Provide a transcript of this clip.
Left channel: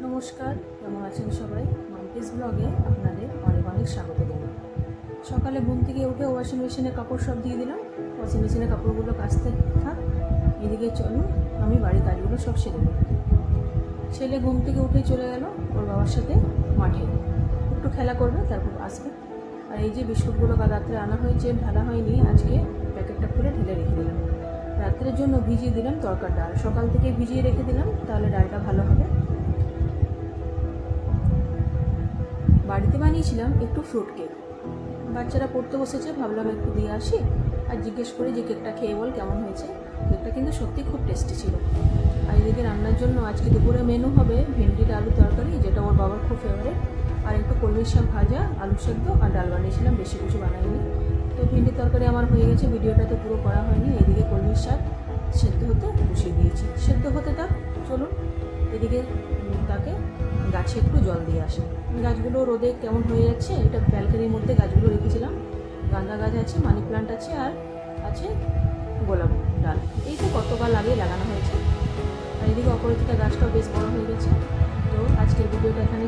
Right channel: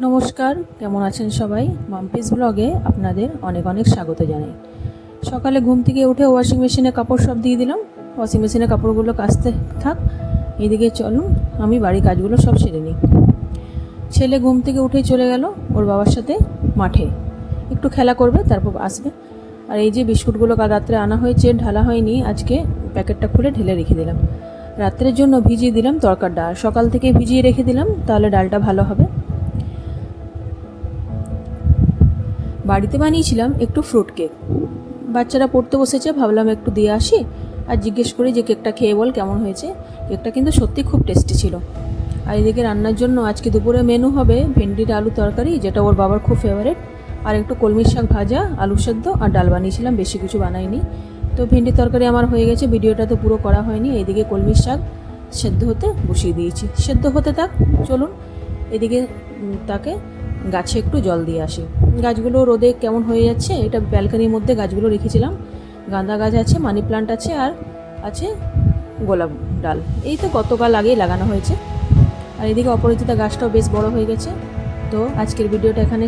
নমস্কার, কেমন আছেন সবাই? মাম্পিস ব্লগে আপনাদের অনেক অনেক স্বাগত জানাই। সকালে ঘুম থেকে উঠে ওয়াশিং মেশিনে কাপড় সব দিয়ে দিলাম। ওয়াশিং মেশিনে কাপড়গুলো কাচতে থাক। এদিকে চলুন, আমি বাড়ির কাজগুলো সব সেরে নিই। ছেলে ঘুম থেকে উঠেই চলে গেল ওর বাবার সাথে মাঠে। একটু খেলা করবে, তারপর আসবে। আর এই যে বিস্কুটগুলো কাল রাত্রে আনা হয়েছে, ঢালা হয়নি, আজকে প্যাকেটটা খুলে ঢেলে রেখে দিলাম। রাত্রের জন্য ভিজিয়ে দিলাম তরকার ডাল। সকাল থেকে ভিজিয়ে রেখে দিলাম, তাহলে ডালটা ভালো হবে। বাড়িতে বানিয়েছিলাম একটু ফ্রুট কেক বাচ্চারা পড়তে বসেছে, ভাবলাম একটু দিয়ে আসি আর জিজ্ঞেস করি যে কেকটা খেয়ে বল কেমন হয়েছে। কেকটা কিন্তু সত্যি খুব টেস্টি ছিল। আর এদিকে রান্নার জন্য আজকে দুপুরে মেনু হবে ভেন্ডির আলু তরকারি, যেটা ওর বাবার খুব ফেভারেট আর একটু কলমির শাক ভাজা, আলু সেদ্ধ আর ডাল বানিয়েছিলাম, বেশি কিছু বানাইনি। তো ভেন্ডির তরকারি আমার হয়ে গেছে, ভিডিওটা তো পুরো করা হয়নি, এদিকে কলমির শাক সেদ্ধ হতে বসিয়ে দিয়েছি। সেদ্ধ হতে থাক, চলুন, এদিকে তাকে গাছে একটু জল দিয়ে আসি। গাছগুলো রোদে কেমন হয়ে যাচ্ছে, এটা ব্যালকানির মধ্যে গাছগুলো রেখেছিলাম। গাঁদা গাছ আছে, মানি প্লান্ট আছে, আর আছে গোলাপ ডাল। এই তো গতকাল আগেই লাগানো হয়েছে। আর এদিকে অপরাজিতা গাছটাও বেশ বড় হয়ে গেছে। তো আজকের ভিডিওটা এখানে